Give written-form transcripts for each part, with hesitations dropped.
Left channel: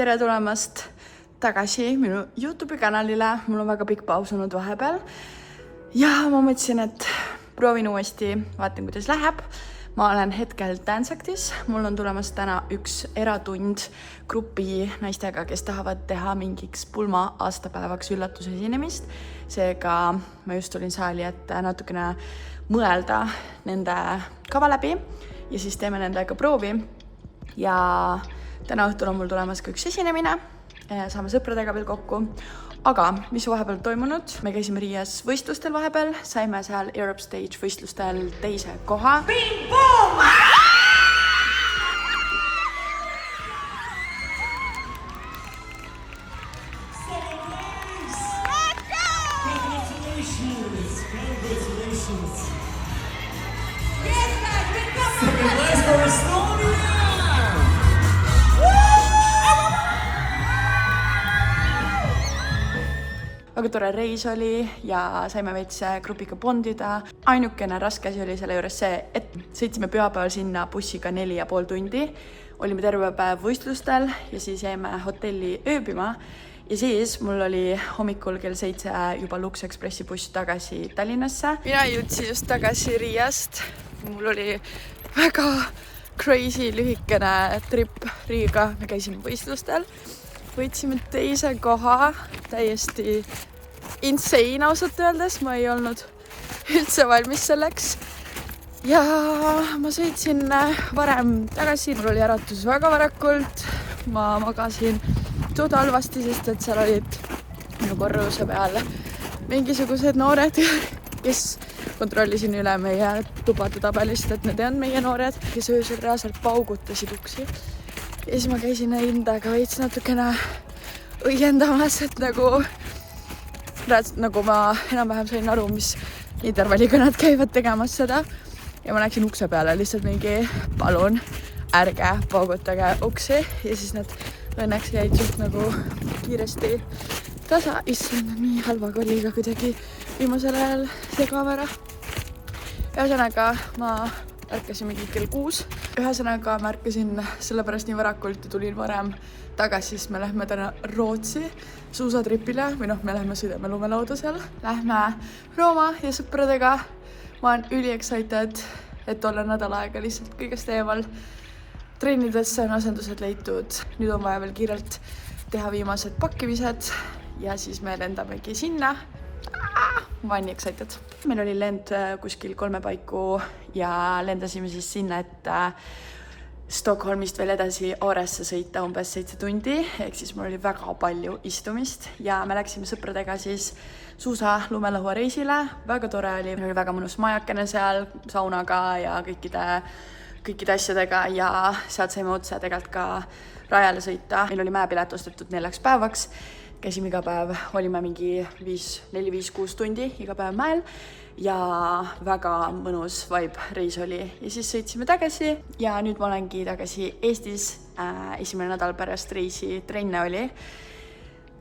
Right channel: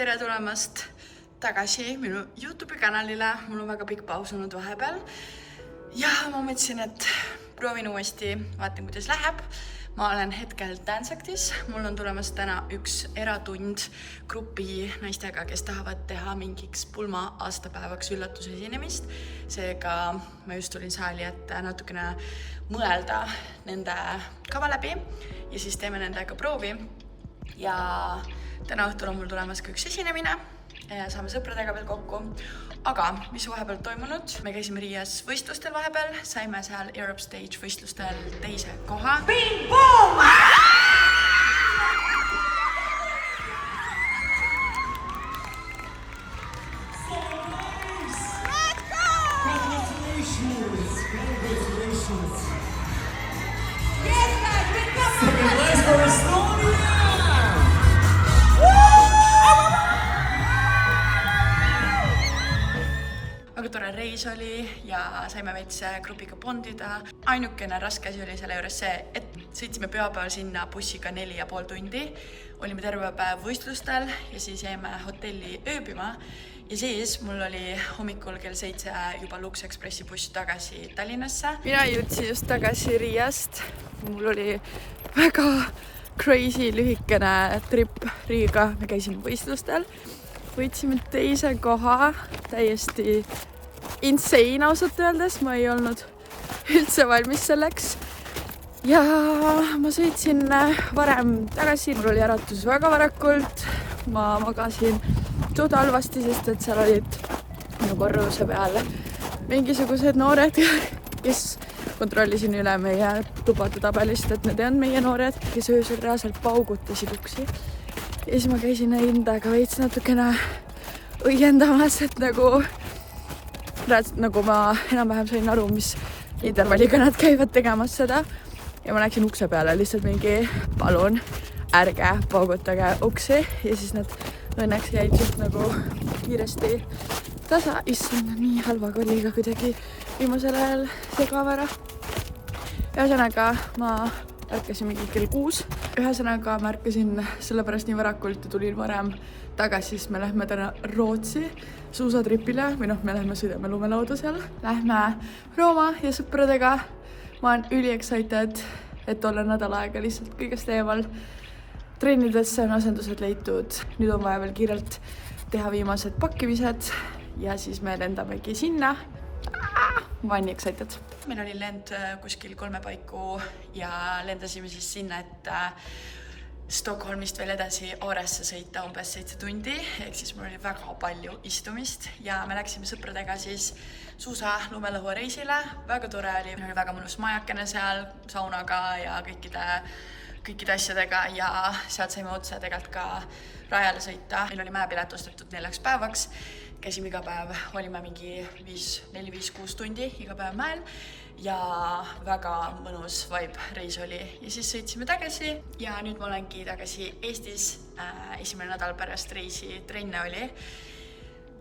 tere tulemast tagasi minu YouTube'i kanalile. Mul on väga pikk paus olnud vahepeal. Ja ma mõtlesin, et proovin uuesti, vaatan kuidas läheb. Ma olen hetkel Danceactis. Mul on tulemas täna üks eratund grupi naistega, kes tahavad teha mingiks pulma aastapäevaks üllatuse esinemist. Seega ma just tulin saali, et natukene mõelda nende kava läbi ja siis teeme nendega proovi. Ja täna õhtul on mul tulemas ka üks esinemine. Saame sõpradega veel kokku. Aga mis vahepeal toimunud? Me käisime Riias võistlustel vahepeal. Saime seal Europe Stage võistlustel teise koha. Bing, boom! Väga tore reis oli ja saime veits grupiga bondida. Ainukene raske asi oli selle juures see, et sõitsime pühapäeval sinna bussiga 4,5 tundi. Olime terve päev võistlustel ja siis jäime hotelli ööbima. Ja siis mul oli hommikul kell 7 juba Lux Expressi buss tagasi Tallinnasse. Mina jõudsin just tagasi Riiast. Mul oli väga crazy lühikene trip Riiga. Me käisime võistlustel. Võitsime teise koha, täiesti insane ausalt öeldes, ma ei olnud üldse valmis selleks. Ja ma sõitsin varem tagasi, mul oli äratus väga varakult, ma magasin tood halvasti, sest et seal olid minu korruse peal mingisugused noored, kes kontrollisin üle meie tubade tabelist, et need ei olnud meie noored, kes öösel reaalselt paugutasid uksi. Ja siis ma käisin endaga veits natukene õiendamas, et nagu ma enam-vähem sain aru, mis intervalliga nad käivad tegemas seda. Ja ma nägin ukse peale lihtsalt mingi palun, ärge paugutage uksi. Ja siis nad õnneks jäid just nagu kiiresti tasa. Issand, nii halva kolliga kuidagi viimasel ajal segavara. Ühesõnaga ma ärkasin mingi kell 6. Ühesõnaga ma ärkasin sellepärast nii varakult ja tulin varem tagasi, siis me lähme täna Rootsi suusatripile või me lähme sõidame lumelauda seal. Lähme Rooma ja sõpradega. Ma olen üli-excited, et olla nädal aega lihtsalt kõigest eemal. Trennidesse on asendused leitud. Nüüd on vaja veel kiirelt teha viimased pakkimised ja siis me lendamegi sinna. Ma olen nii excited. Meil oli lend kuskil 3 paiku ja lendasime siis sinna, et Stockholmist veel edasi Åresse sõita umbes 7 tundi. Ehk siis mul oli väga palju istumist ja me läksime sõpradega siis suusa lumelõhua reisile. Väga tore oli, väga mõnus majakene seal saunaga ja kõikide asjadega ja sealt saime otsa tegelikult ka rajale sõita. Meil oli mäepilet ostetud 4 päevaks. Käisime iga päev, olime mingi 4-5-6 tundi iga päev mäel ja väga mõnus vibe reis oli. Ja siis sõitsime tagasi ja nüüd ma olengi tagasi Eestis. Esimene nädal pärast reisi trenne oli.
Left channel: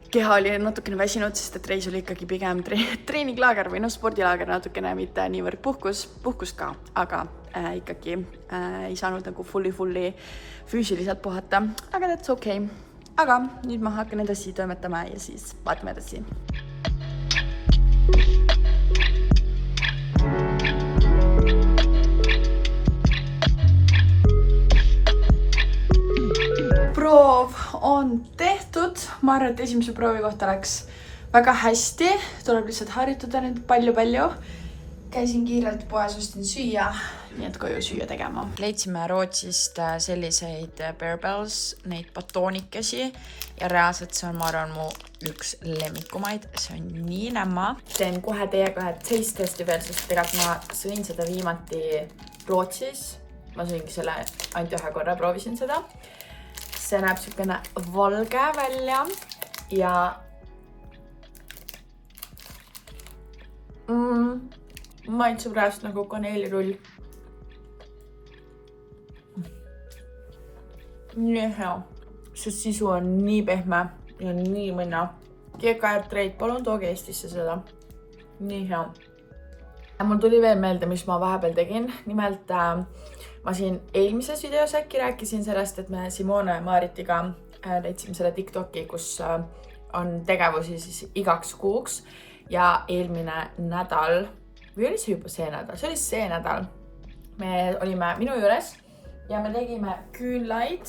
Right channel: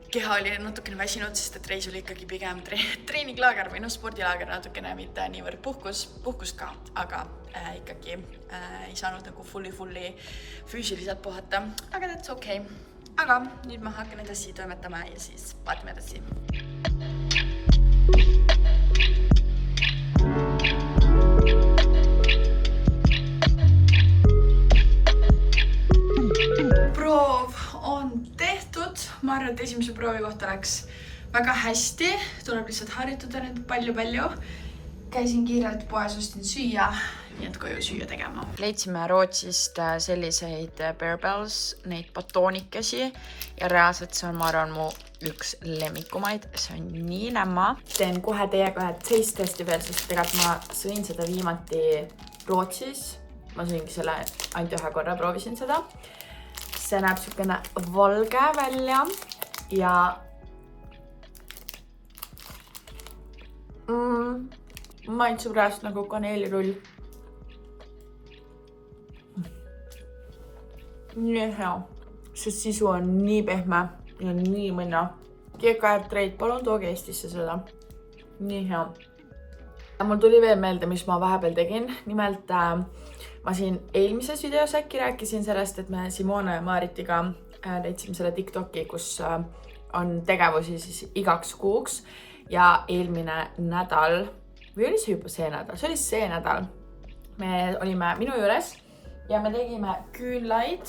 Keha oli natukene väsinud, sest et reis oli ikkagi pigem treeninglaager või spordilaager natukene, mitte niivõrd puhkust ka, aga ikkagi ei saanud nagu fully füüsiliselt puhata, aga that's okay. Aga nüüd ma hakkan edasi toimetama ja siis vaatame edasi. Proov on tehtud. Ma arvan, et esimese proovi kohta läks väga hästi. Tuleb lihtsalt harjutada nüüd palju. Käisin kiirelt poes, ostin süüa, nii et koju süüa tegema. Leidsime Rootsist selliseid Bearbells, neid batoonikesi ja reaalselt see on, ma arvan, mu üks lemmikumaid. See on nii nämma. Teen kohe teiega ühe taste testi veel, sest tegelikult ma sõin seda viimati Rootsis. Ma sõingi selle ainult ühe korra, proovisin seda. See näeb sükene valge välja ja maitsub reaalselt nagu kaneelirull. Nii hea. See sisu on nii pehme ja nii mõnna. GKR Trade, palun tooge Eestisse seda. Nii hea. Mul tuli veel meelde, mis ma vahepeal tegin. Nimelt ma siin eelmises videos äkki rääkisin sellest, et me Simone ja Maritiga leidsime selle TikToki, kus on tegevusi siis igaks kuuks ja eelmine nädal, või oli see juba see nädal? See oli see nädal. Me olime minu juures ja me tegime küünlaid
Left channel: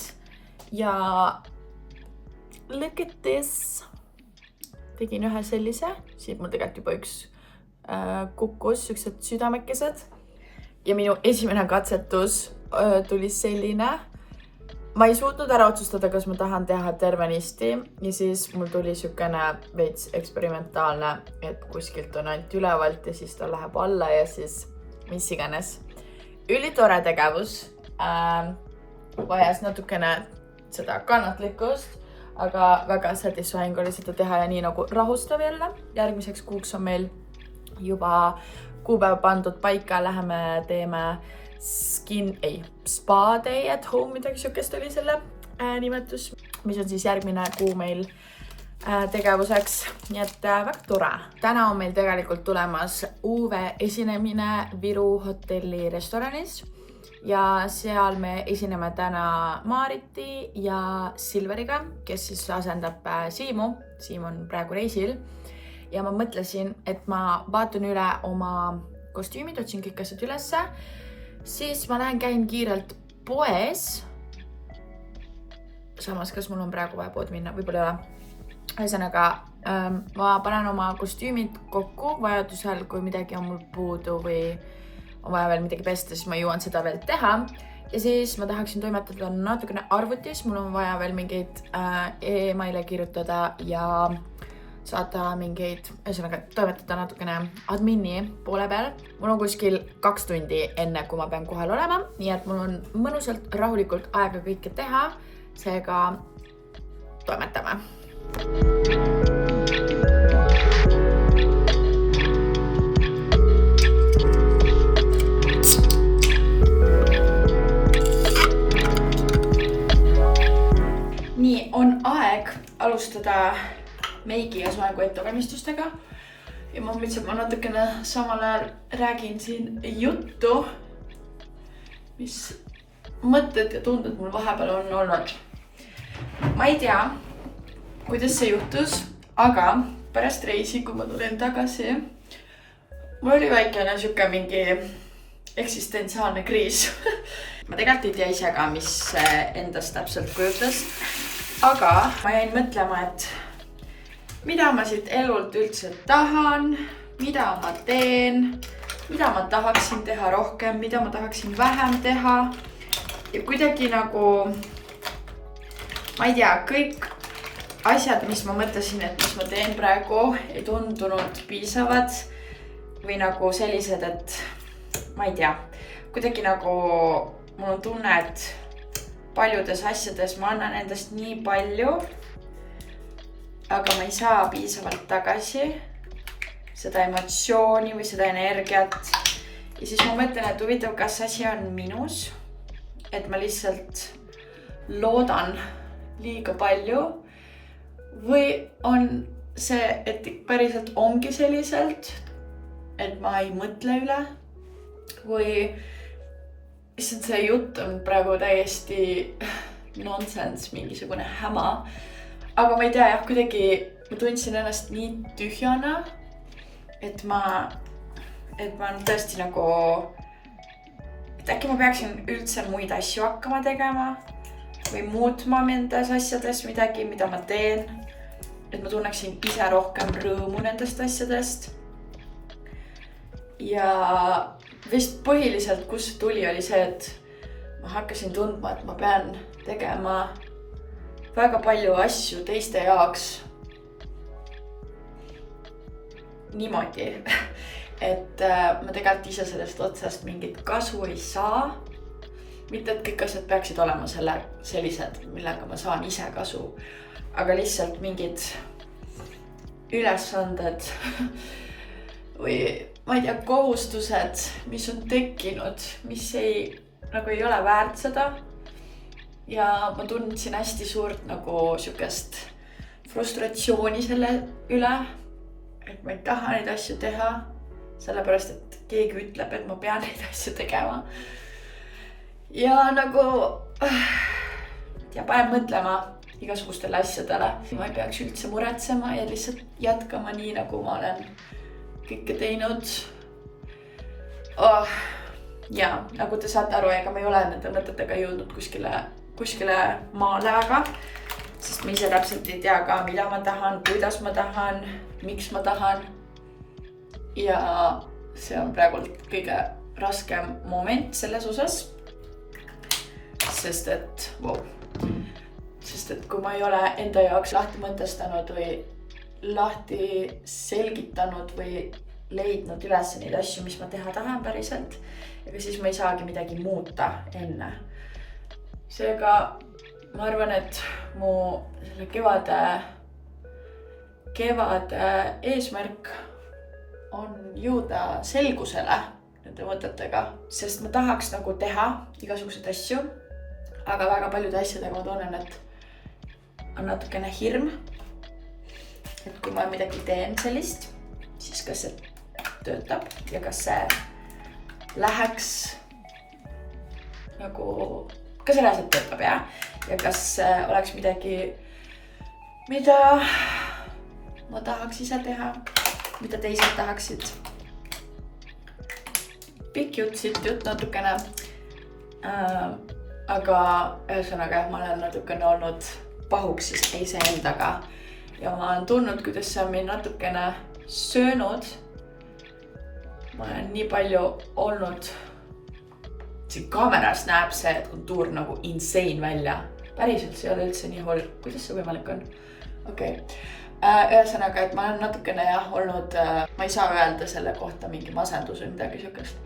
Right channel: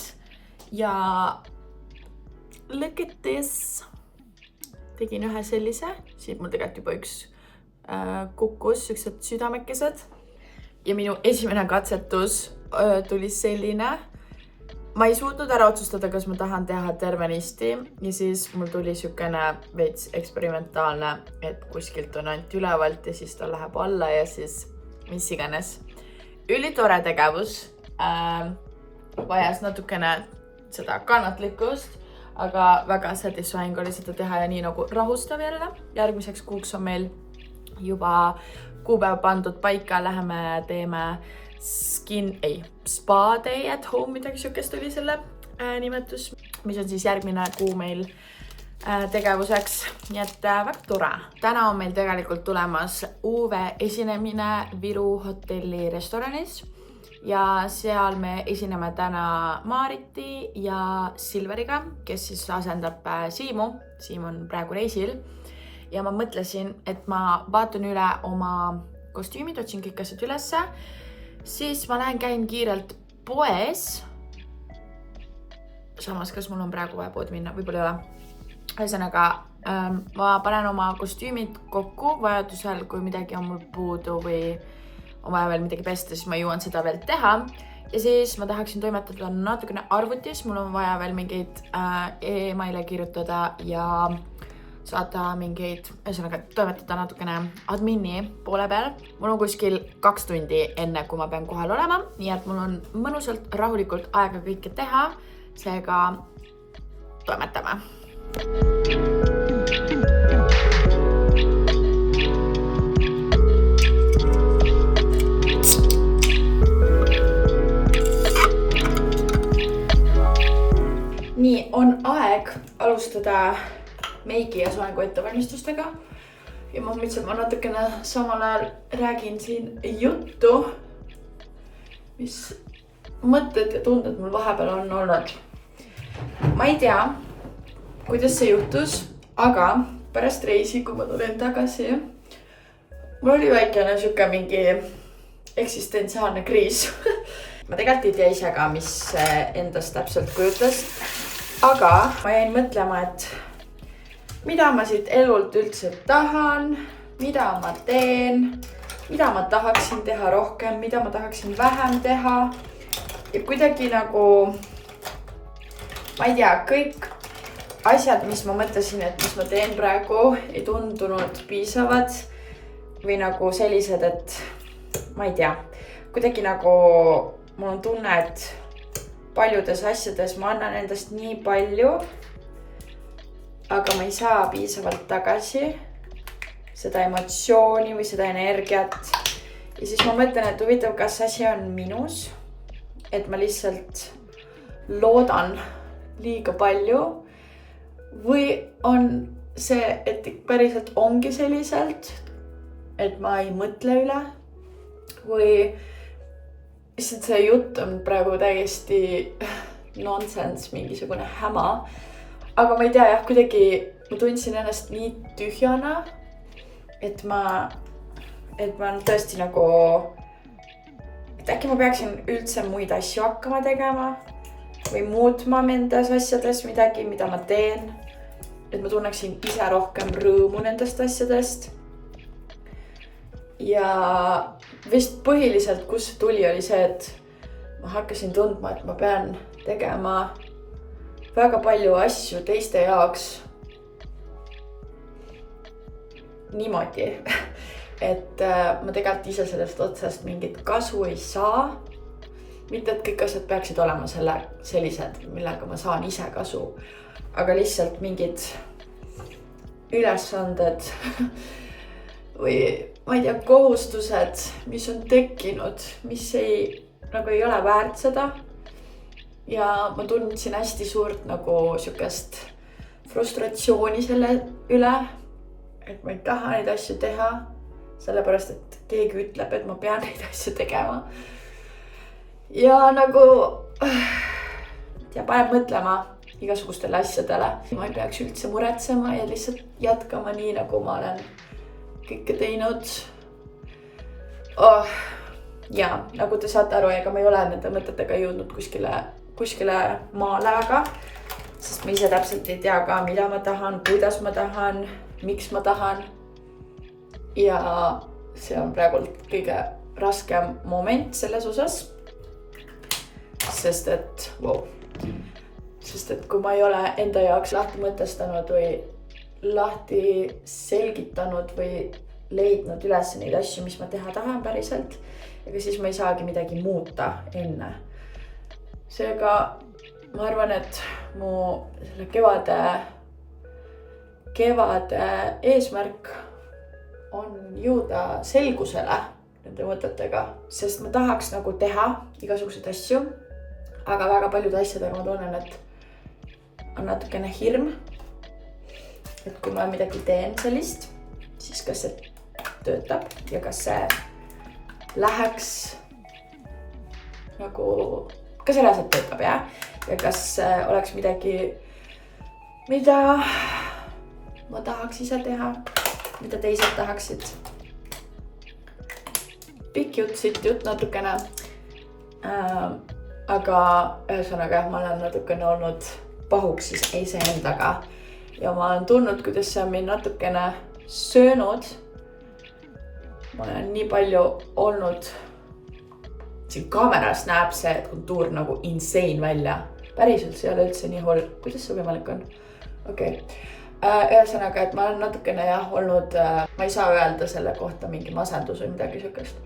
ja look at this. Tegin ühe sellise, siit mul tegelikult juba üks kukkus, üksed südamekesed. Ja minu esimene katsetus tuli selline. Ma ei suutnud ära otsustada, kas ma tahan teha tervenisti ja siis mul tuli sükene veits eksperimentaalne, et kuskilt on ainult ülevalt ja siis ta läheb alla ja siis mis iganes. Ülitore tegevus, vajas natukene seda kannatlikkust, aga väga satisfying oli seda teha ja nii nagu rahustav jälle. Järgmiseks kuuks on meil juba kuupäev pandud paika, läheme teeme spa day at home, midagi sükest oli selle nimetus, mis on siis järgmine kuu meil tegevuseks, nii et väga tore. Täna on meil tegelikult tulemas UV esinemine Viru hotelli restoranis ja seal me esineme täna Maariti ja Silveriga, kes siis asendab Siimu. Siim on praegu reisil ja ma mõtlesin, et ma vaatan üle oma kostüümid, otsin kõik asjad ülesse. Siis ma lähen käin kiirelt poes. Samas, kas mul on praegu vaja pood minna? Võib-olla ei ole. Ühesõnaga, ma panen oma kostüümid kokku vajadusel, kui midagi on mul puudu või on vaja veel midagi pesta, siis ma jõuan seda veel teha. Ja siis ma tahaksin toimetada natukene arvutis. Mul on vaja veel mingeid e-maile kirjutada ja saada mingeid, ühesõnaga toimetada natukene admini poole peal. Mul on kuskil 2 tundi enne, kui ma pean kohal olema, nii et mul on mõnusalt rahulikult aega kõike teha, seega toimetame. Nii, on aeg alustada meigi ja soengu ettevalmistustega ja ma mõtlesin, et ma natukene samal ajal räägin siin juttu, mis mõtted ja tunded mul vahepeal on olnud. Ma ei tea, kuidas see juhtus, aga pärast reisi, kui ma tulin tagasi, mul oli väikene süke mingi eksistentsiaalne kriis. Ma tegelikult ei tea ise ka, mis endast täpselt kujutas, aga ma jäin mõtlema, et mida ma siit elult üldse tahan, mida ma teen, mida ma tahaksin teha rohkem, mida ma tahaksin vähem teha. Ja kuidagi nagu, ma ei tea, kõik asjad, mis ma mõtlesin, et mis ma teen praegu, ei tundunud piisavad või nagu sellised, et ma ei tea, kuidagi nagu mul on tunne, et paljudes asjades ma annan endast nii palju, aga ma ei saa piisavalt tagasi seda emotsiooni või seda energiat. Ja siis ma mõtlen, et huvitav, kas asi on minus, et ma lihtsalt loodan liiga palju või on see, et päriselt ongi selliselt, et ma ei mõtle üle või lihtsalt see jutt on praegu täiesti nonsense, mingisugune häma. Aga ma ei tea, jah, kuidagi ma tundsin ennast nii tühjana, et ma tõesti nagu, et äkki ma peaksin üldse muid asju hakkama tegema või muutma nendes asjades midagi, mida ma teen, et ma tunneksin ise rohkem rõõmu nendest asjadest. Ja vist põhiliselt, kus tuli, oli see, et ma hakkasin tundma, et ma pean tegema väga palju asju teiste jaoks niimoodi, et ma tegelikult ise sellest otsast mingit kasu ei saa. Mitte, et kõik asjad peaksid olema sellised, millega ma saan ise kasu, aga lihtsalt mingid ülesanded või ma ei tea, kohustused, mis on tekkinud, mis ei ole väärt seda. Ja ma tundsin hästi suurt nagu sükest frustratsiooni selle üle, et ma ei taha neid asju teha, sellepärast, et keegi ütleb, et ma pean neid asju tegema. Ja nagu, ja paneb mõtlema, igasugustele asjadele. Ma ei peaks üldse muretsema ja lihtsalt jätkama nii, nagu ma olen kõike teinud. Ja nagu te saate aru, ega ma ei ole nende mõtetega jõudnud kuskile maale väga, sest ma ise täpselt ei tea ka, mida ma tahan, kuidas ma tahan, miks ma tahan. Ja see on praegu kõige raskem moment selles osas, sest et kui ma ei ole enda jaoks lahti mõtestanud või lahti selgitanud või leidnud üles neid asju, mis ma teha tahan päriselt, ega siis ma ei saagi midagi muuta enne. Seega ma arvan, et mu selle kevade eesmärk on jõuda selgusele nende mõtetega, sest ma tahaks nagu teha igasuguseid asju, aga väga paljude asjadega ma tunnen, et on natukene hirm, et kui ma midagi teen sellist, siis kas see töötab ja kas see läheks nagu, kas see reaalselt töötab ja kas oleks midagi, mida ma tahaks ise teha, mida teised tahaksid. Pikk jutt natukene, aga ühesõnaga ma olen natukene olnud pahuks siis iseendaga ja ma olen tundnud, kuidas see on mind natukene söönud. Ma olen nii palju olnud, siin kaameras näeb see kontuur nagu insane välja. Päriselt see ei ole üldse nii hull. Kuidas see võimalik on? Okei. Ühesõnaga, et ma olen natukene olnud, ma ei saa öelda selle kohta mingi masendus või midagi sükest,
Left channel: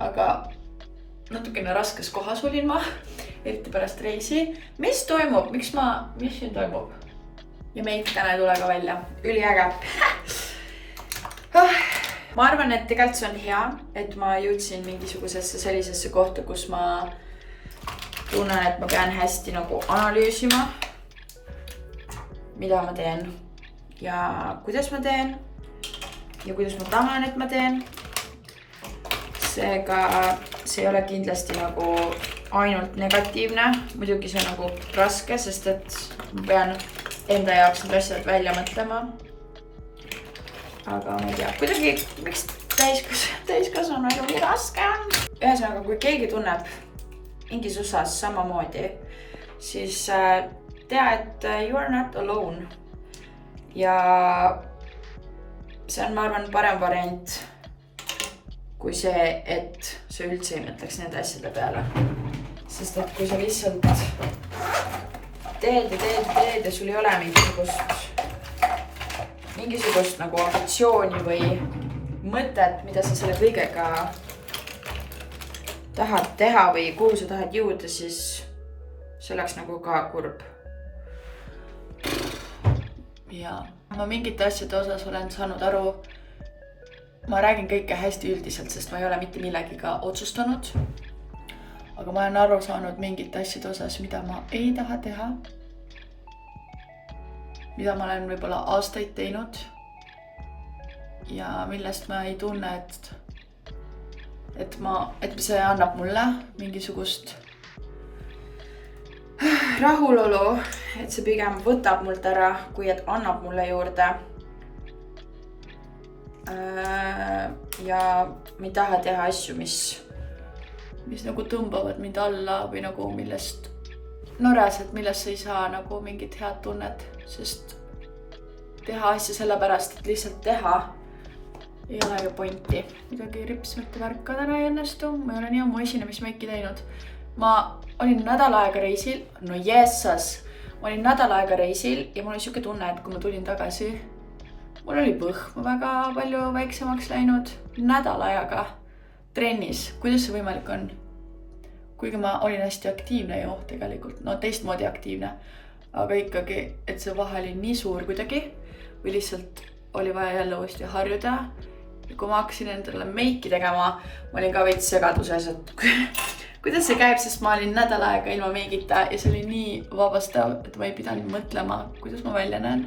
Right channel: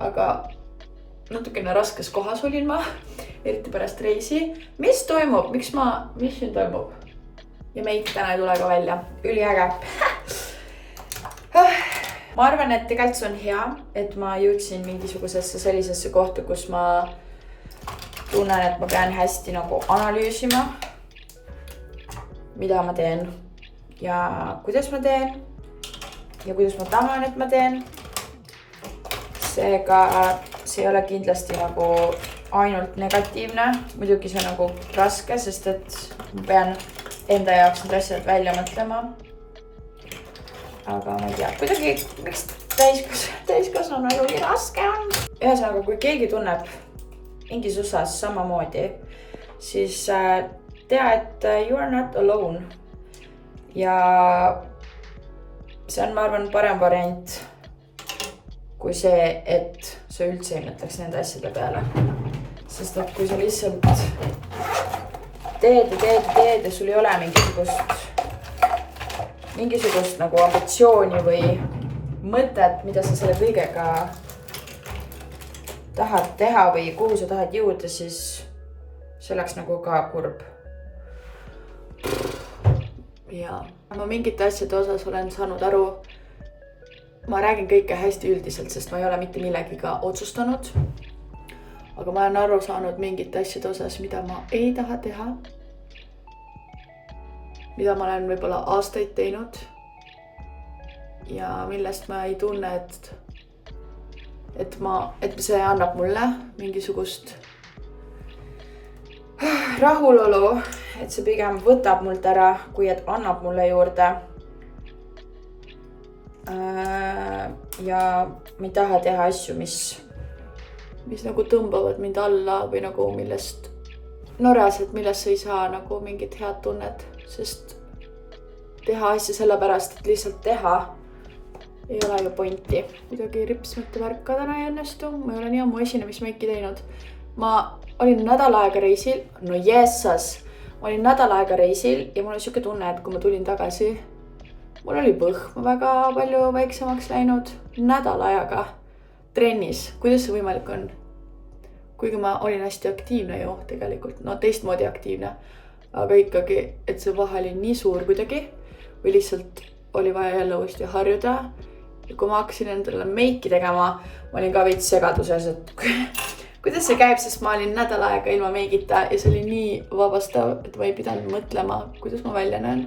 aga natukene raskes kohas olin ma, eriti pärast reisi. Mis toimub? Mis siin toimub? Ja meid täna ei tule ka välja. Üliäge. Ma arvan, et tegelikult see on hea, et ma jõudsin mingisugusesse sellisesse kohta, kus ma tunnen, et ma pean hästi nagu analüüsima, mida ma teen ja kuidas ma teen ja kuidas ma tahan, et ma teen. Seega see ei ole kindlasti nagu ainult negatiivne. Muidugi see on nagu raske, sest et ma pean enda jaoks need asjad välja mõtlema. Aga ma ei tea, kuidagi, miks täiskasvanu elu nii raske on. Ühesõnaga, kui keegi tunneb mingis osas samamoodi, siis tea, et you are not alone. Ja see on, ma arvan, parem variant kui see, et sa üldse ei mõtleks nende asjade peale. Sest et kui sa lihtsalt teed ja sul ei ole mingisugust nagu ambitsiooni või mõtet, mida sa selle kõigega tahad teha või kuhu sa tahad jõuda, siis see oleks nagu ka kurb. Ja ma mingite asjade osas olen saanud aru, ma räägin kõike hästi üldiselt, sest ma ei ole mitte millegiga otsustanud. Aga ma olen aru saanud mingite asjade osas, mida ma ei taha teha. Mida ma olen võib-olla aastaid teinud. Ja millest ma ei tunne, et see annab mulle mingisugust rahulolu, et see pigem võtab mult ära, kui et annab mulle juurde. Ja ma ei taha teha asju, mis nagu tõmbavad mind alla või nagu millest sa ei saa nagu mingit head tunnet, sest teha asja sellepärast, et lihtsalt teha ei ole ju pointi. Midagi rips mitte värka täna ei õnnestu, ma ei ole nii ammu esinemismeiki teinud. Ma olin nädal aega reisil, no jessas, ma olin nädal aega reisil ja mul oli siuke tunne, et kui ma tulin tagasi, mul oli põhm väga palju väiksemaks läinud nädal ajaga trennis. Kuidas see võimalik on? Kuigi ma olin hästi aktiivne ju tegelikult, no teistmoodi aktiivne, aga ikkagi, et see vahe oli nii suur kuidagi või lihtsalt oli vaja jälle uuesti harjuda. Ja kui ma hakkasin endale meiki tegema, ma olin ka veits segaduses, et kuidas see käib, sest ma olin nädal aega ilma meigita ja see oli nii vabastav, et ma ei pidanud mõtlema, kuidas ma välja näen.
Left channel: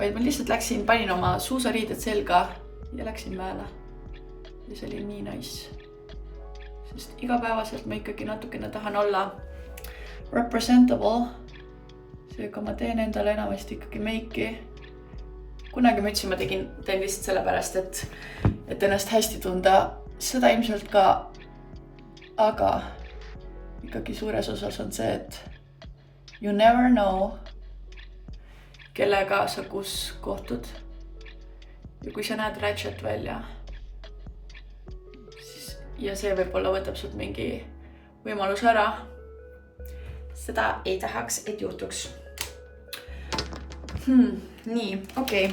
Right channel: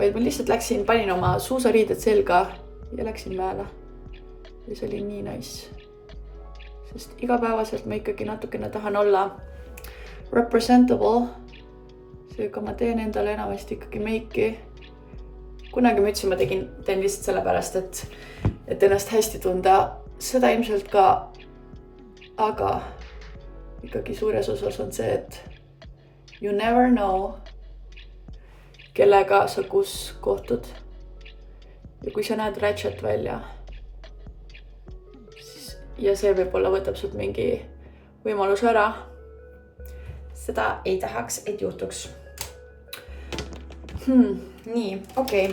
Vaid ma lihtsalt panin oma suusariided selga ja läksin mäele. Ja see oli nii nice. Sest igapäevaselt ma ikkagi natukene tahan olla representable seega ma teen endale enamasti ikkagi meiki. Kunagi ma ütlesin, ma teen lihtsalt sellepärast, et ennast hästi tunda. Seda ilmselt ka, aga ikkagi suures osas on see, et you never know, kellega sa kus kohtud. Ja kui sa näed ratchet välja, siis, ja see võib-olla võtab sult mingi võimalus ära, seda ei tahaks, et juhtuks. Nii, okei.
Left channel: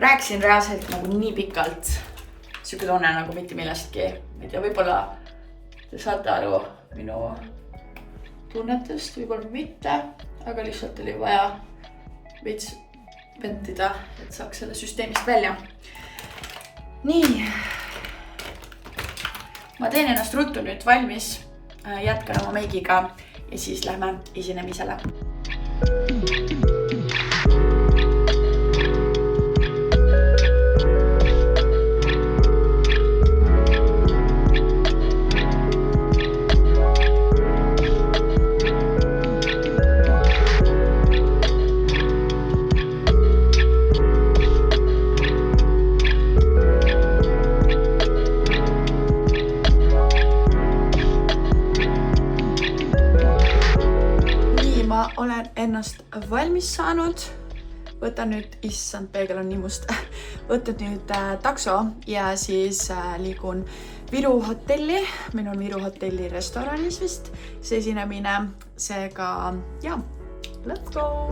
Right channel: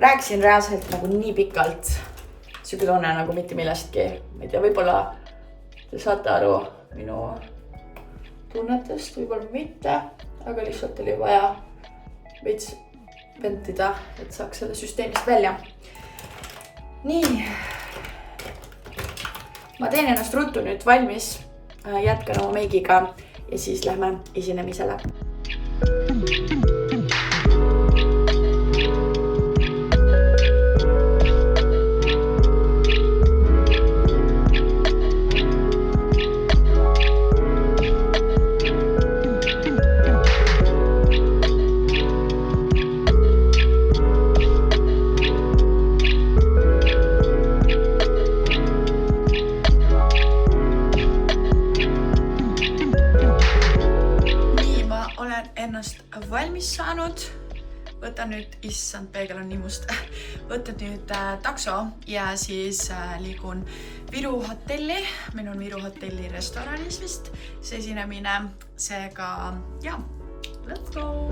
Rääkisin reaalselt nagu nii pikalt. Siuke tunne nagu mitte millestki. Ma ei tea, võib-olla te saate aru minu tunnetest, võib-olla mitte, aga lihtsalt oli vaja veits ventida, et saaks selle süsteemist välja. Nii. Ma teen ennast ruttu nüüd valmis. Jätkan oma meigiga ja siis lähme esinemisele. Ennast valmis saanud. Võtan nüüd, issand, peegel on nii must. Võtan nüüd takso ja siis liigun Viru hotelli. Meil on Viru hotelli restoranis vist see esinemine. Seega, ja, let's go!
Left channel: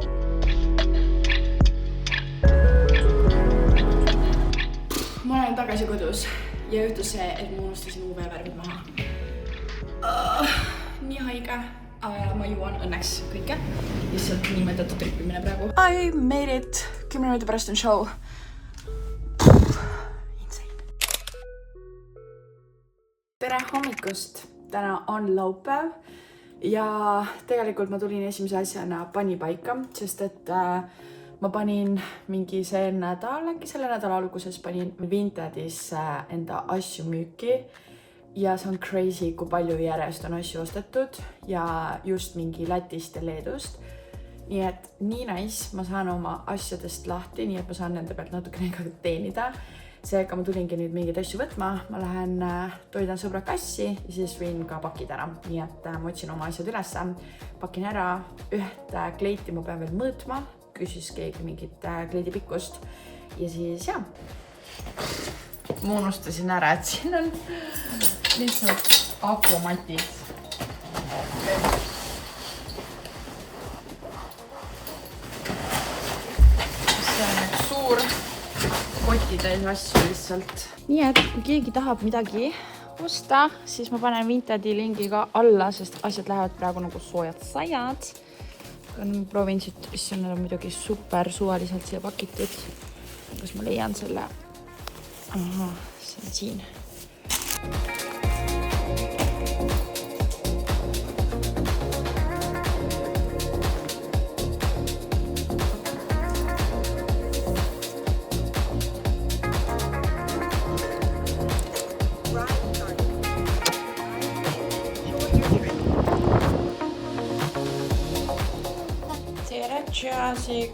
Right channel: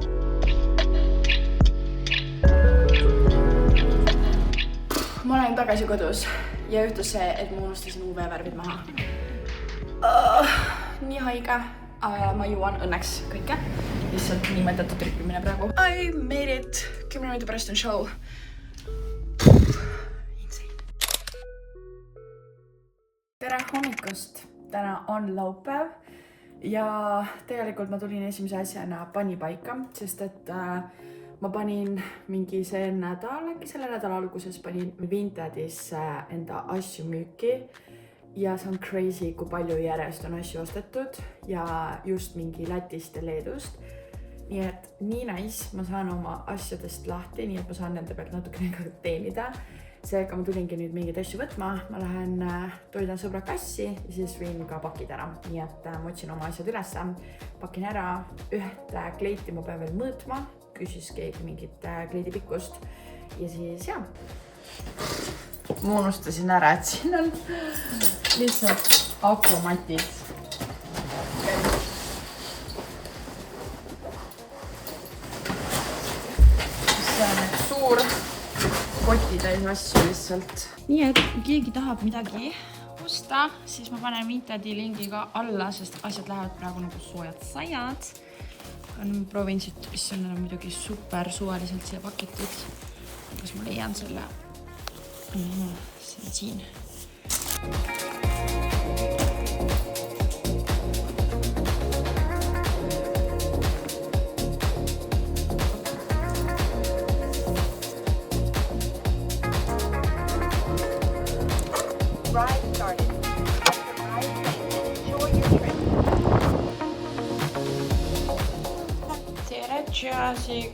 Ma olen tagasi kodus ja juhtus see, et ma unustasin UV-värvid maha. Nii haige. Ma juuan õnneks kõike. Lihtsalt nii mõtetud trippimine praegu. I made it. 10 minuti pärast on show. Tere hommikust. Täna on laupäev. Ja tegelikult ma tulin esimese asjana panipaika, sest et ma panin mingi see nädal, äkki selle nädala alguses panin Vintedis enda asju müüki. Ja see on crazy, kui palju järjest on asju ostetud ja just mingi Lätist ja Leedust. Nii et nii nice, ma saan oma asjadest lahti, nii et ma saan nende pealt natukene ka teenida. Seega ma tulingi nüüd mingeid asju võtma. Ma lähen toidan sõbra kassi ja siis viin ka pakid ära. Nii et ma otsin oma asjad üles, pakin ära ühte kleiti, ma pean veel mõõtma. Küsis keegi mingit kleidi pikkust ja siis jah. Ma unustasin ära, et siin on lihtsalt akromatid. See on üks suur kotitäis asju lihtsalt. Nii et kui keegi tahab midagi osta, siis ma panen Vintedi lingiga alla, sest asjad lähevad praegu nagu soojad sajad. Ma proovin siit, mis on muidugi super suvaliselt siia pakitud. Kas ma leian selle? Aha, see on siin. Tere, Jasik!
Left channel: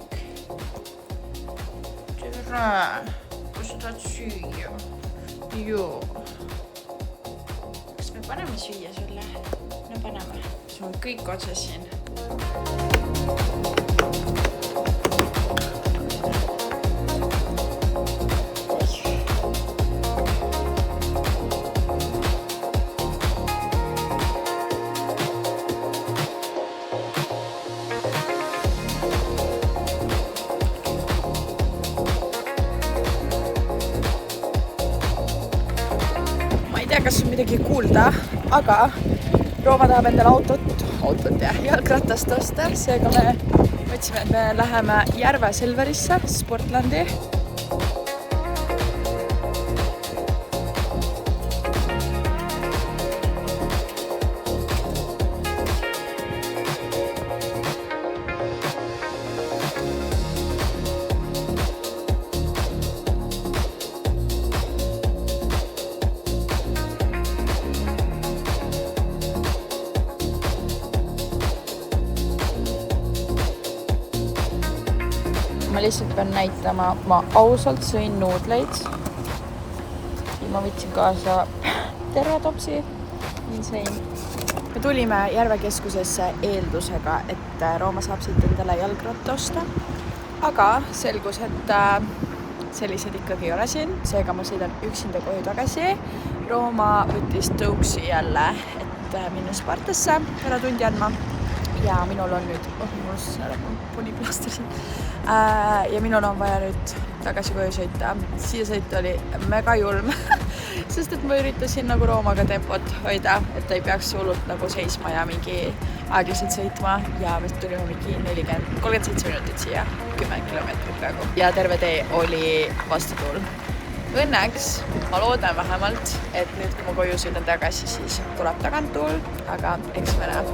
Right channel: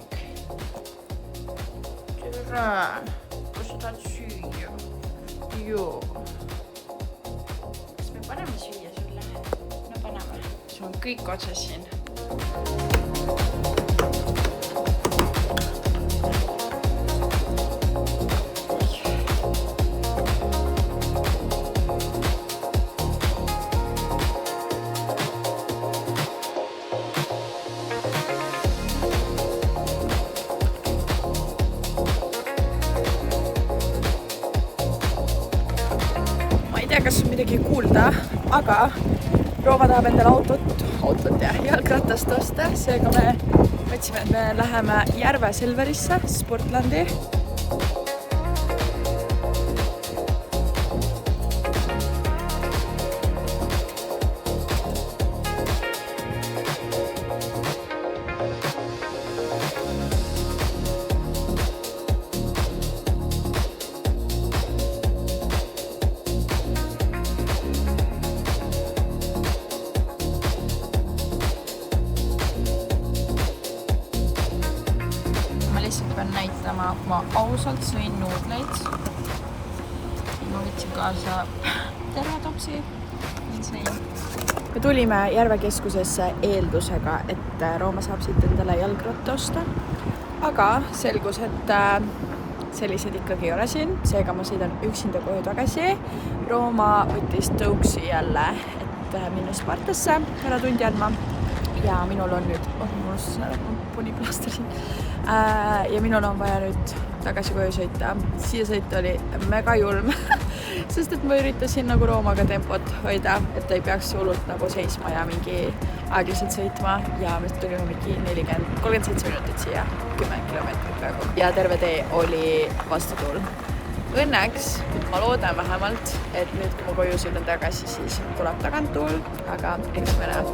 Tere! Kus sa tahad süüa? Joo. Kas me paneme süüa sulle? No paneme. See on kõik otsas siin. Kas on midagi kuulda, aga Rooma tahab endale autot ja jalgratast osta, seega me võtsime, et me läheme Järve Selverisse, Sportlandi. lihtsalt pean näitama, ma ausalt sõin nuudleid. Ma võtsin kaasa terve topsi. Me tulime Järve keskusesse eeldusega, et Rooma saab siit endale jalgratta osta. Aga selgus, et sellised ikkagi ei ole siin. Seega ma sõidan üksinda koju tagasi. Rooma võttis tõuksi jälle, et minna Spartasse ära tundi andma. Ja minul on nüüd, mul on puniplaster siin. Ja minul on vaja nüüd tagasi koju sõita. Siia sõita oli mega julm, sest et ma üritasin nagu Roomaga tempot hoida, et ta ei peaks hullult nagu seisma ja mingi aeglaselt sõitma. Ja me tulime mingi 37 minutit siia, 10 kilomeetrit praegu. Ja terve tee oli vastatuul. Õnneks, ma loodan vähemalt, et nüüd kui ma koju sõidan tagasi, siis tuleb taganttuul, aga eks me näe.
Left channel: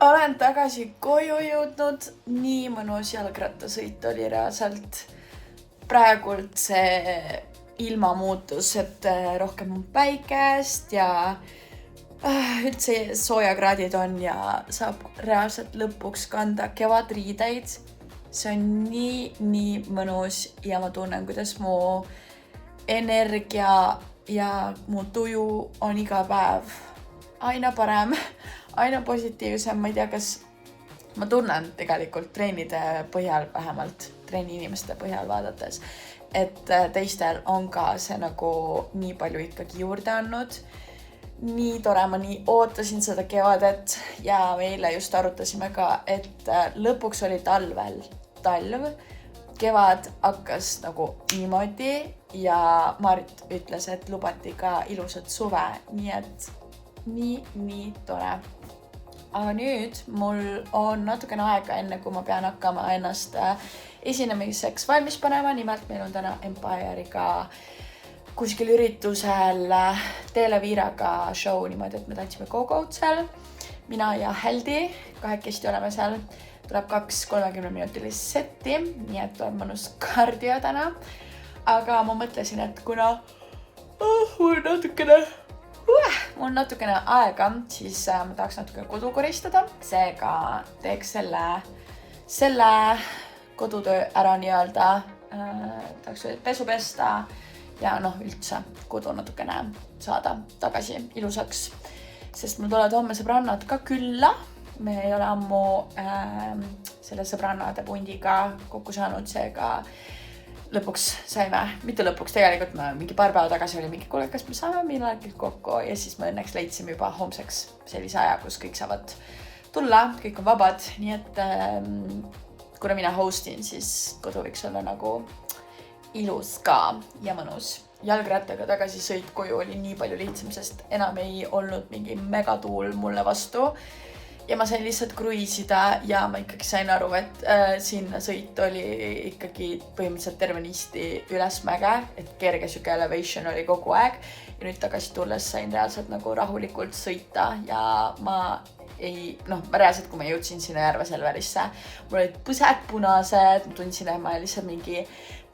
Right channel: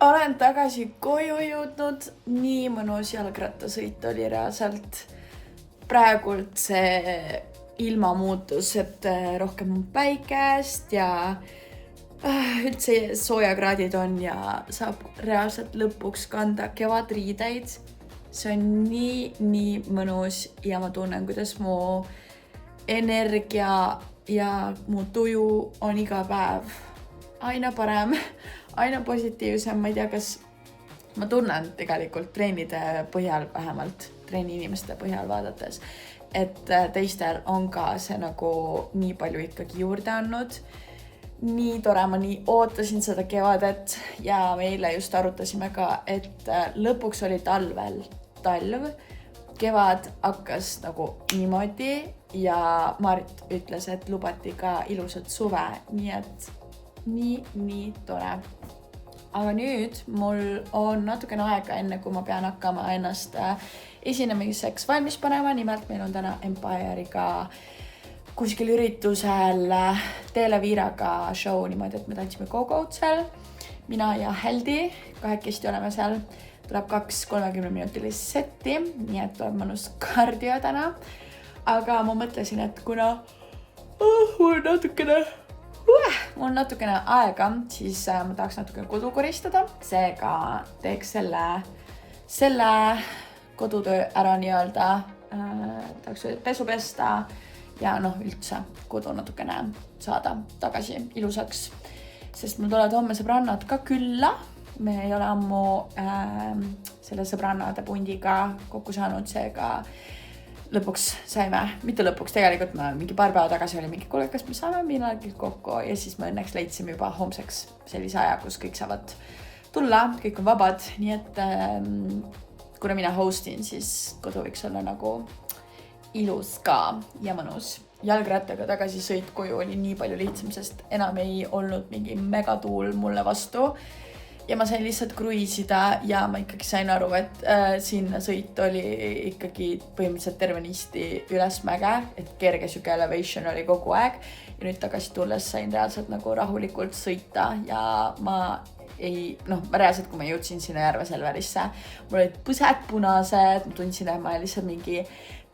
Olen tagasi koju jõudnud, nii mõnus jalgrattasõit oli reaalselt. Praegult see ilma muutus, et rohkem on päikest ja üldse soojakraadid on ja saab reaalselt lõpuks kanda kevadriideid. See on nii mõnus ja ma tunnen, kuidas mu energia ja mu tuju on iga päev aina parem, aina positiivsem. Ma ei tea, kas ma tunnen tegelikult treenide põhjal, vähemalt treeni inimeste põhjal vaadates, et teistel on ka see nagu nii palju ikkagi juurde andnud. Nii tore, ma nii ootasin seda kevadet ja me eile just arutasime ka, et lõpuks oli talv. Kevad hakkas nagu niimoodi ja Marit ütles, et lubati ka ilusat suve, nii et nii tore. Aga nüüd mul on natukene aega enne, kui ma pean hakkama ennast esinemiseks valmis panema. Nimelt meil on täna Empire'iga kuskil üritusel Televiiraga show niimoodi, et me tantsime Go-Go'd seal. Mina ja Heldi kahekesti oleme seal. Tuleb 2 30-minutilist setti, nii et on mõnus kardio täna. Aga ma mõtlesin, et kuna mul on natukene aega, siis ma tahaks natuke kodu koristada. Seega teeks selle kodutöö ära nii-öelda, tahaks pesu pesta ja üldse kodu natukene saada tagasi ilusaks. Sest mul tulevad homme sõbrannad ka külla. Me ei ole ammu selle sõbrannade pundiga kokku saanud, seega lõpuks saime, mitte lõpuks, tegelikult me mingi paar päeva tagasi oli mingi kuule, kas me saame millalgi kokku ja siis me õnneks leidsime juba homseks sellise aja, kus kõik saavad tulla, kõik on vabad, nii et kuna mina hostin, siis kodu võiks olla nagu ilus ka ja mõnus. Jalgrattaga tagasi sõit koju oli nii palju lihtsam, sest enam ei olnud mingi megatuul mulle vastu. Ja ma sain lihtsalt kruiisida ja ma ikkagi sain aru, et sinna sõit oli ikkagi põhimõtteliselt tervenisti ülesmäge, et kerge süke elevation oli kogu aeg. Ja nüüd tagasi tulles sain reaalselt nagu rahulikult sõita ja ma reaalselt, kui ma jõudsin sinna Järve Selverisse, mul olid põsed punased, ma tundsin, et ma lihtsalt mingi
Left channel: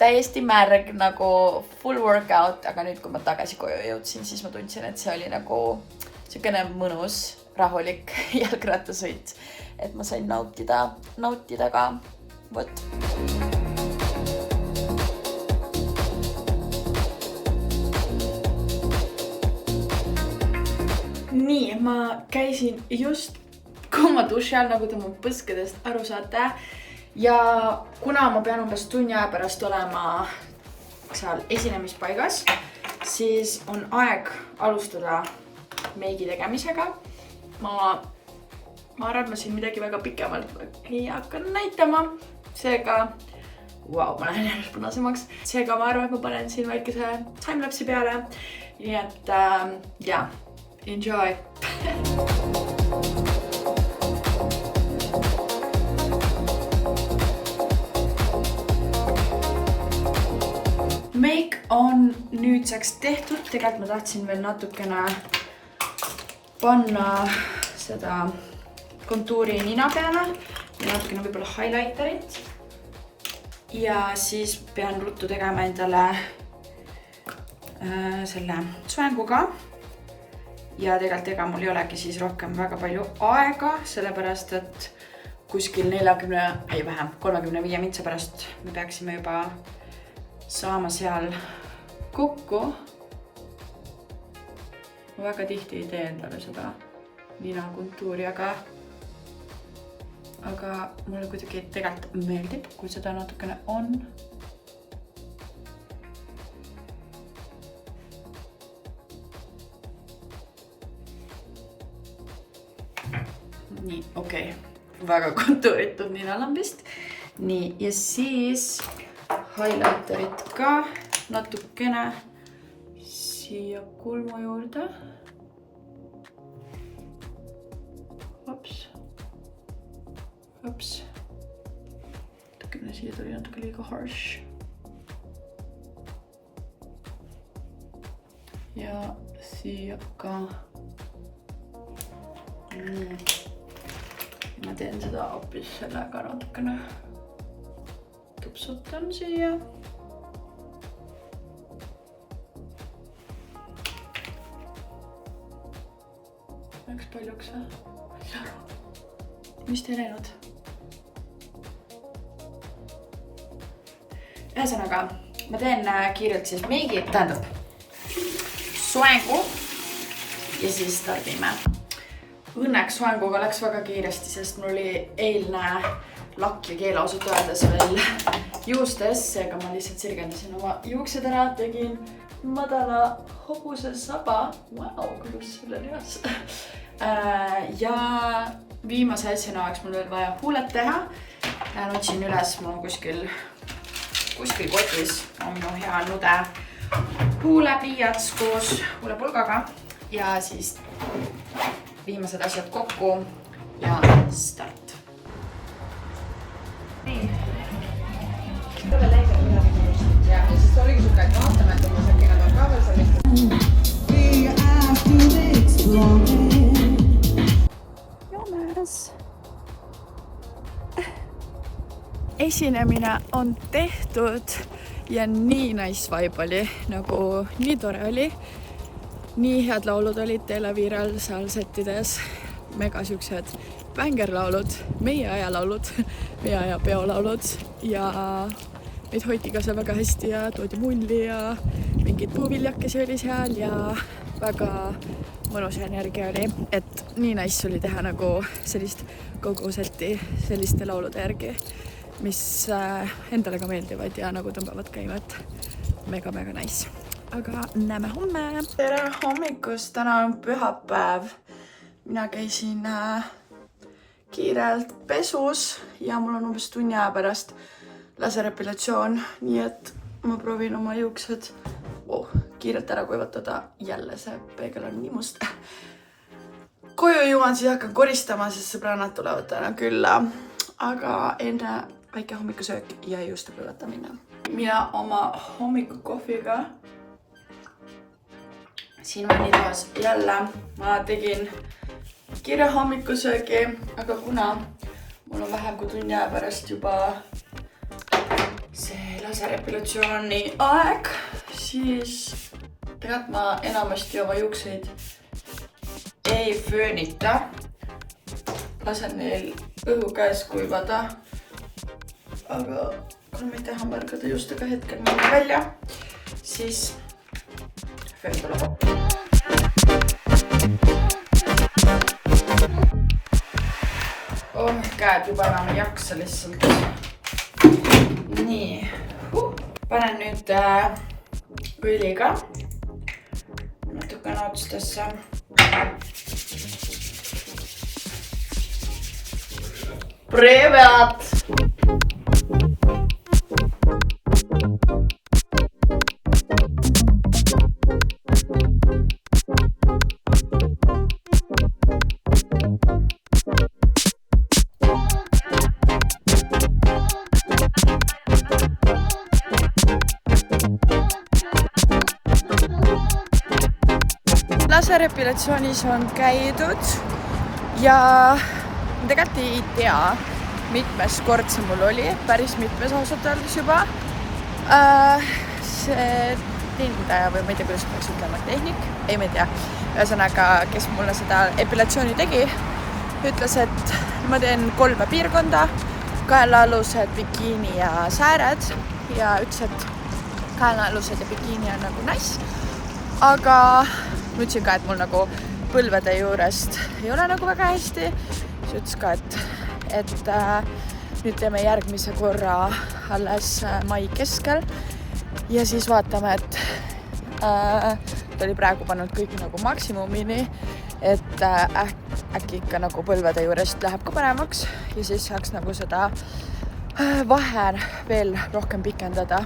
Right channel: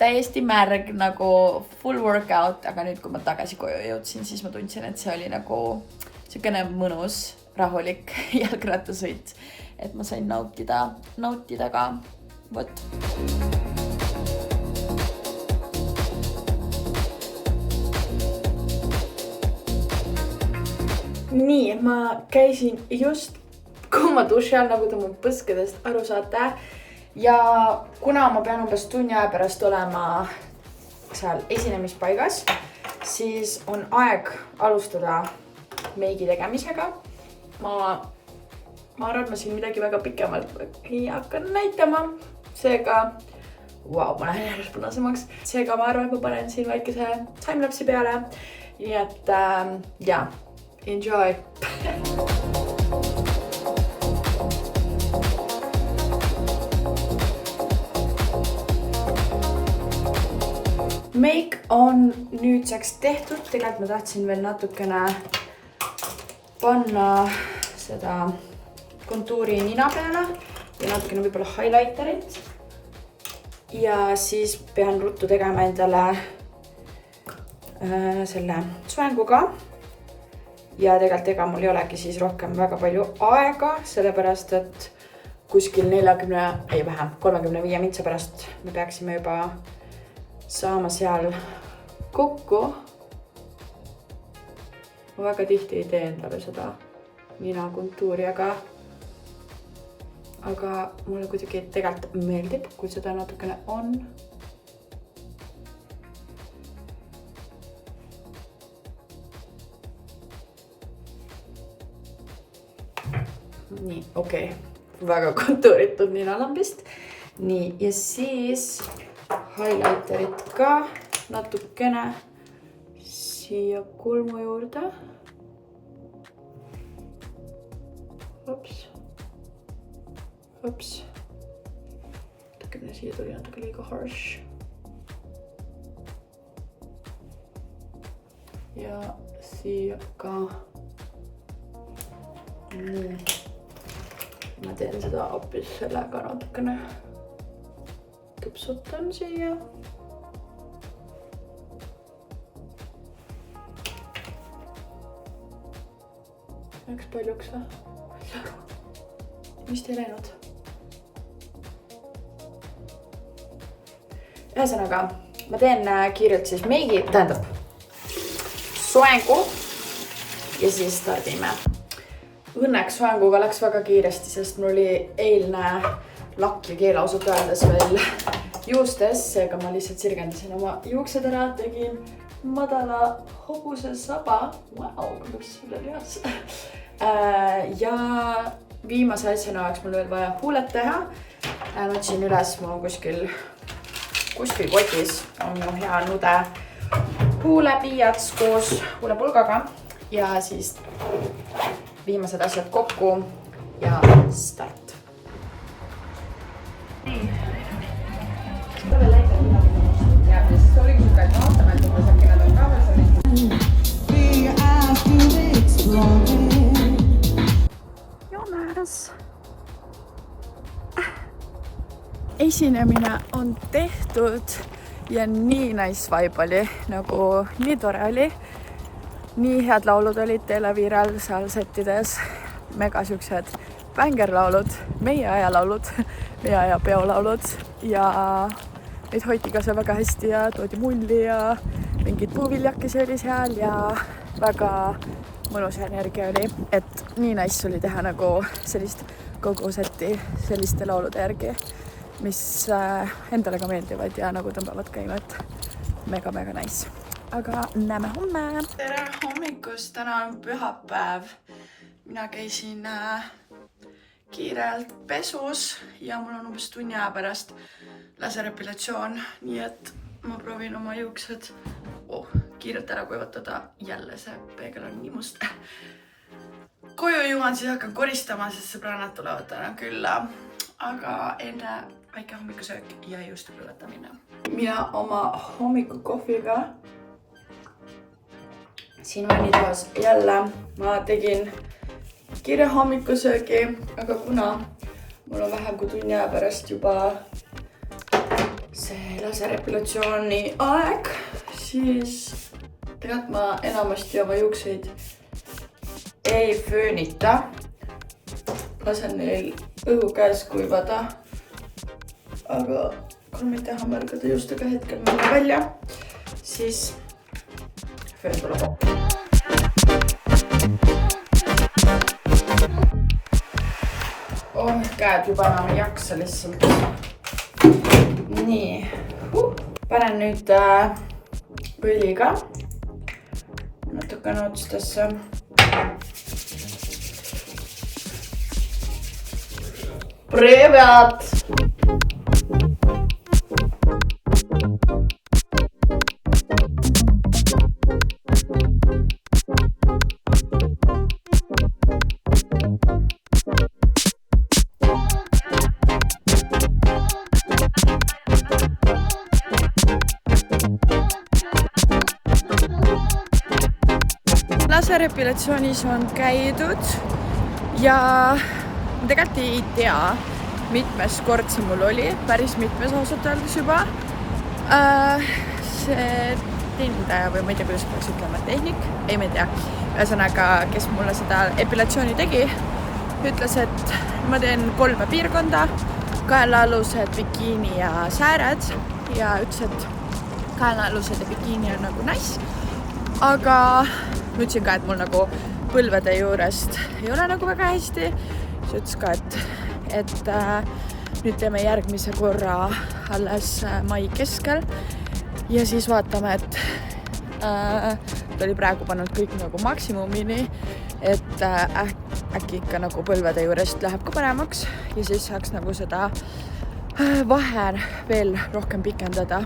täiesti märg nagu full workout, aga nüüd, kui ma tagasi koju jõudsin, siis ma tundsin, et see oli nagu selline mõnus rahulik jalgrattasõit, et ma sain nautida ka. Vot. Nii, ma käisin just kummaduši all, nagu te mu põskedest aru saate. Ja kuna ma pean umbes tunni aja pärast olema seal esinemispaigas, siis on aeg alustada meigi tegemisega. Ma arvan, et ma siin midagi väga pikemalt ei hakka näitama. Seega, ma lähen järjest punasemaks. Seega ma arvan, et ma panen siin väikese timelapsi peale. Nii et, enjoy! Make on nüüdseks tehtud. Tegelikult ma tahtsin veel natukene panna seda kontuuri nina peale, ja natukene võib-olla highlighterit. Ja siis pean ruttu tegema endale selle soenguga. Ja tegelikult ega mul ei olegi siis rohkem väga palju aega, sellepärast et kuskil 35 mintsa pärast me peaksime juba saama seal kokku. Ma väga tihti ei tee endale seda nina kontuuri, aga mulle kuidagi tegelikult meeldib, kui seda natukene on. Nii, okei. Väga kontuuritud ninalambist. Nii, ja siis highlighterit ka natukene siia kulmu juurde. Ups. Natukene siia tuli natuke liiga harsh. Ja siia ka. Ma teen seda hoopis sellega natukene tupsutan siia. Läks paljuks või? Mis te ei läinud? Ühesõnaga, ma teen kiirelt siis meigi, tähendab soengu ja siis stardime. Õnneks soenguga läks väga kiiresti, sest mul oli eilne lakk ja keel ausalt öeldes veel juustes, seega ma lihtsalt sirgendasin oma juuksed ära, tegin madala hobuse saba. Vau, kuidas selle lihas. Ja viimase asjana oleks mul veel vaja huuled teha. Nutsin üles, mul on kuskil kotis on minu hea nude huulepiiats koos huulepulgaga ja siis viimased asjad kokku ja start. Ja siis oligi siuke, et vaatame, et kui äkki nad on ka veel Jonas! Esinemine on tehtud ja nii nice vibe oli, nagu nii tore oli. Nii head laulud olid Televiral seal settides, mega siuksed bängerlaulud, meie aja laulud, meie aja peolaulud ja meid hoiti ka seal väga hästi ja toodi mulli ja mingid puuviljakesi oli seal ja väga mõnus energia oli, et nii nice oli teha nagu sellist kogu setti selliste laulude järgi, mis endale ka meeldivad ja nagu tõmbavad käima, et mega nice. Aga näeme homme! Tere hommikust! Täna on pühapäev. Mina käisin kiirelt pesus ja mul on umbes tunni aja pärast laserepilatsioon, nii et ma proovin oma juuksed kiirelt ära kuivatada. Jälle see peegel on nii must. Koju jõuan, siis hakkan koristama, sest sõbrannad tulevad täna külla. Aga enne väike hommikusöök ja juuste põletamine. Mina oma hommikukohviga siin vannitoas jälle ma tegin kiire hommikusöögi, aga kuna mul on vähem kui tunni aja pärast juba see laserepilatsiooni aeg, siis tegelikult ma enamasti oma juukseid ei föönita. Lasen neil õhu käes kuivada. Aga kui ma ei taha märgada just aga hetkel minna välja, siis föön tuleb appi. Käed juba enam ei jaksa lihtsalt. Nii. Panen nüüd õliga natukene otstesse. Привет! Laserepilatsioonis on käidud ja ma tegelikult ei tea, mitmes kord see mul oli, päris mitmes ausalt öeldes juba. See teenindaja või ma ei tea, kuidas peaks ütlema, tehnik, ei ma ei tea. Ühesõnaga, kes mulle seda epilatsiooni tegi, ütles, et ma teen 3 piirkonda, kaelaalused, bikiini ja sääred ja ütles, et kaelaalused ja bikiini on nagu nice, aga ma ütlesin ka, et mul nagu põlvede juurest ei ole nagu väga hästi. See ütles ka, et nüüd teeme järgmise korra alles mai keskel ja siis vaatame, et ta oli praegu pannud kõik nagu maksimumini, et äkki ikka nagu põlvede juurest läheb ka paremaks ja siis saaks nagu seda vahe veel rohkem pikendada.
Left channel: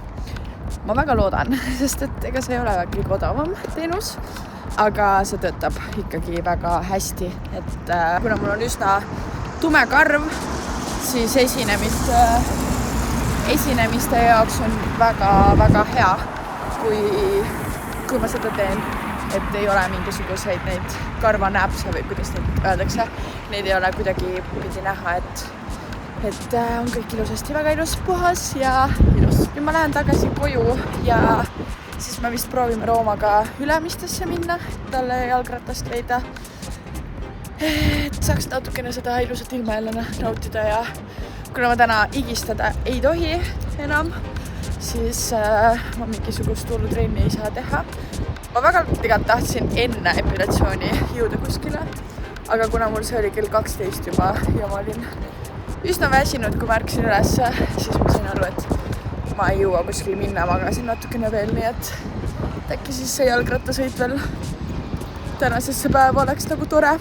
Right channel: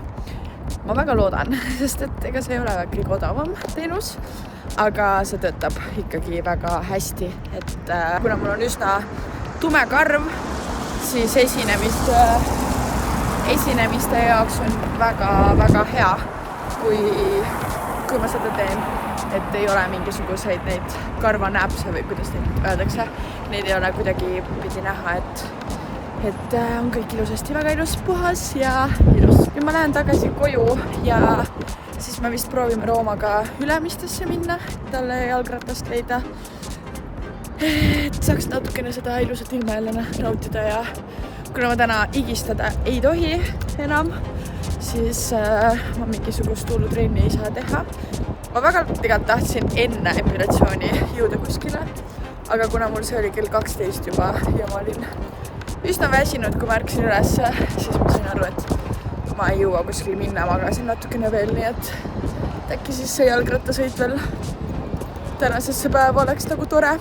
Ma väga loodan, sest et ega see ei ole kõige odavam teenus, aga see töötab ikkagi väga hästi, et kuna mul on üsna tume karv, siis esinemiste jaoks on väga hea, kui ma seda teen, et ei ole mingisuguseid neid karvanäpse või kuidas neid öeldakse, neid ei ole kuidagi pidi näha, et on kõik ilusasti, väga ilus, puhas ja ilus. Nüüd ma lähen tagasi koju ja siis me vist proovime Roomaga Ülemistesse minna, talle jalgratast leida, et saaks natukene seda ilusat ilma jälle nautida ja kuna ma täna igistada ei tohi enam, siis ma mingisugust hullutrenni ei saa teha. Ma väga tegelikult tahtsin enne epilatsiooni jõuda kuskile, aga kuna mul see oli kell 12 juba ja ma olin üsna väsinud, kui ma ärkasin üles, siis ma sain aru, et ma ei jõua kuskile minna, magasin natukene veel, nii et äkki siis see jalgrattasõit veel tänasesse päeva oleks nagu tore.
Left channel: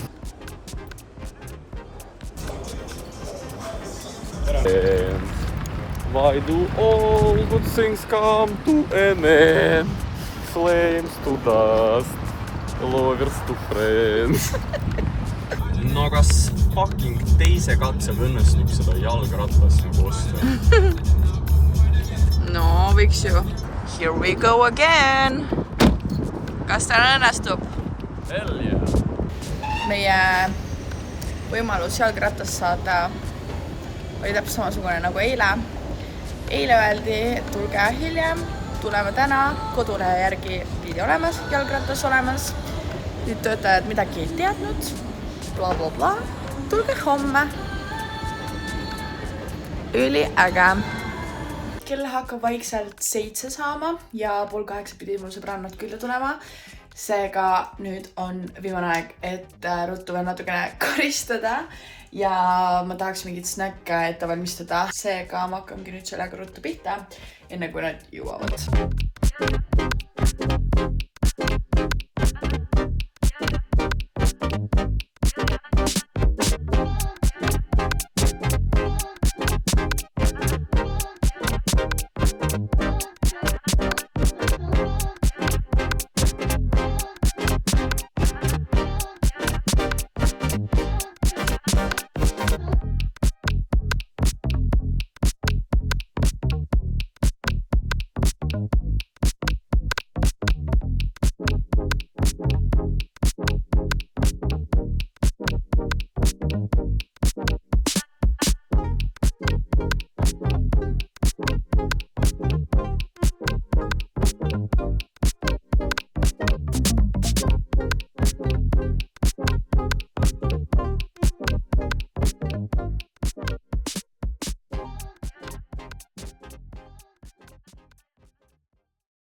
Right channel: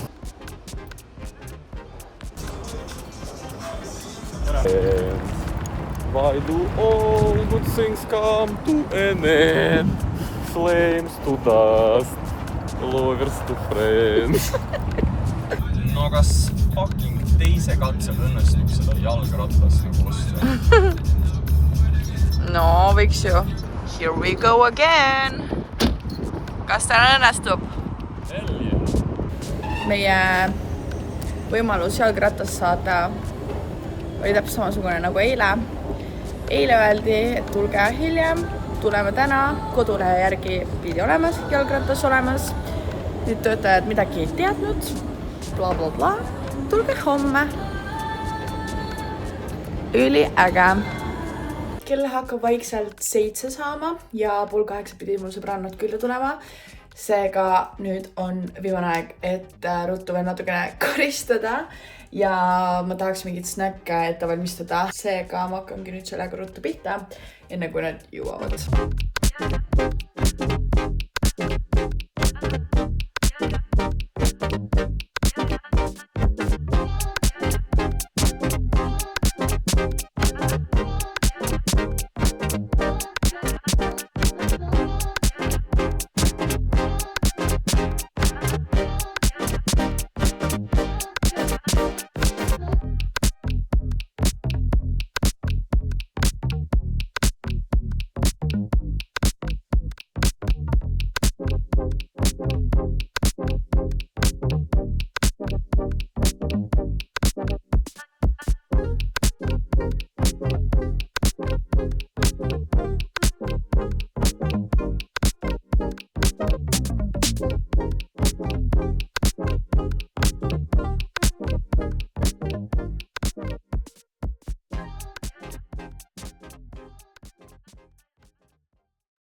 Why do all good things come to an end? Flames to dust, lovers to friends. No kas fucking teise katsega õnnestub seda jalgratast nagu osta? No, võiks ju. Here we go again. Kas täna õnnestub? Hell yeah. Meie võimalus jalgratast saada oli täpselt samasugune nagu eile. Eile öeldi, et tulge hiljem, tuleme täna, kodulehe järgi pidi olemas, jalgratas olemas. Nüüd töötajad midagi ei teadnud, bla bla bla. Tulge homme. Üli äge. Kell hakkab vaikselt 7 saama ja 7:30 pidi mul sõbrannad külla tulema. Seega nüüd on viimane aeg, et ruttu veel natukene karistada ja ma tahaks mingit snäkke ette valmistada. Seega ma hakkangi nüüd sellega ruttu pihta, enne kui nad jõuavad.